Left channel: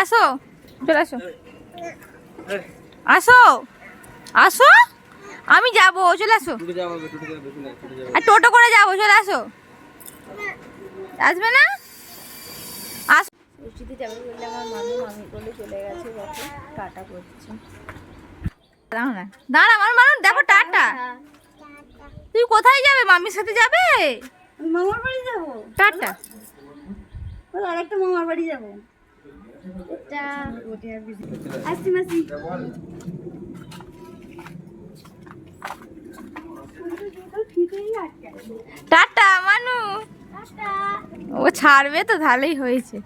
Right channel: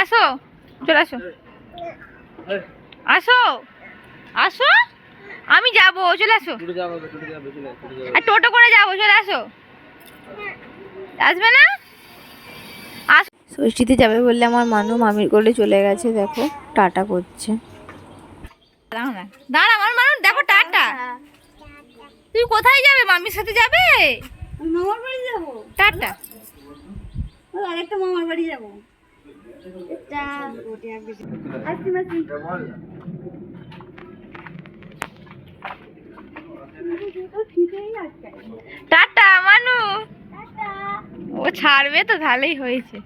আসো, চলে আসো, আসো, আসো, আমি যাবো, চলে আসো। আর টোটো করে যাবো, চলে আসো। আসবে না? ষষ্ঠীতে যাবে বললে আমার মানু মামির কোলে চলে গেছে, দেখো টাটা করছে। দাঁড়াও না, দাঁড়া আমার মানু, দেখো টাটা। তুই কোথায় যাবে? মামির সাথে যাবে? মামার বাড়ি যাবো। টাটা। আরেকটা মামার বাড়ি যাবো। আসছি মাসি। টাটা মানু। ও ছাড়বে তো, তাহলেই হয়েছে।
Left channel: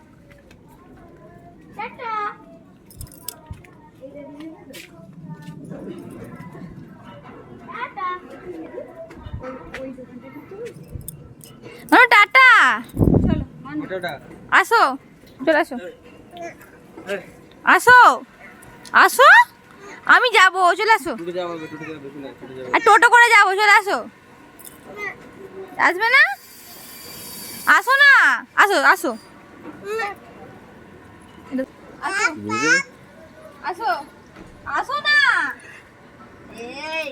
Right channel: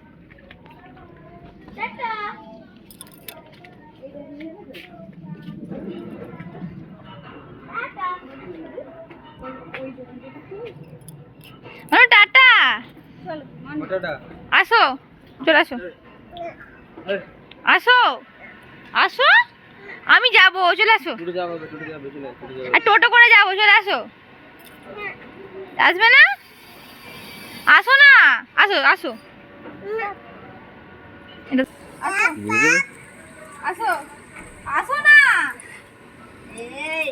মানু টাটা। আসো, চলে আসো, আসো, আসো, আমি যাবো, চলে আসো। আর টোটো করে যাবো, চলে আসো। আসবে না? আসো না, আসো, আসো, আসো, আসো না। এই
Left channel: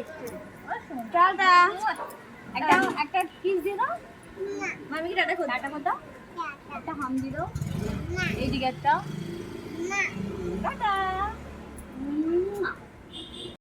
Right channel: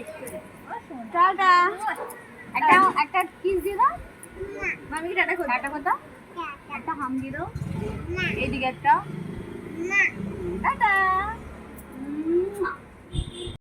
টাটা। একটা কিস দিয়ে দাও। মামিকে টাটা করো। টাটা করো। একটা হাম দিয়ে দাও। এইদিকে একটা। টাটা।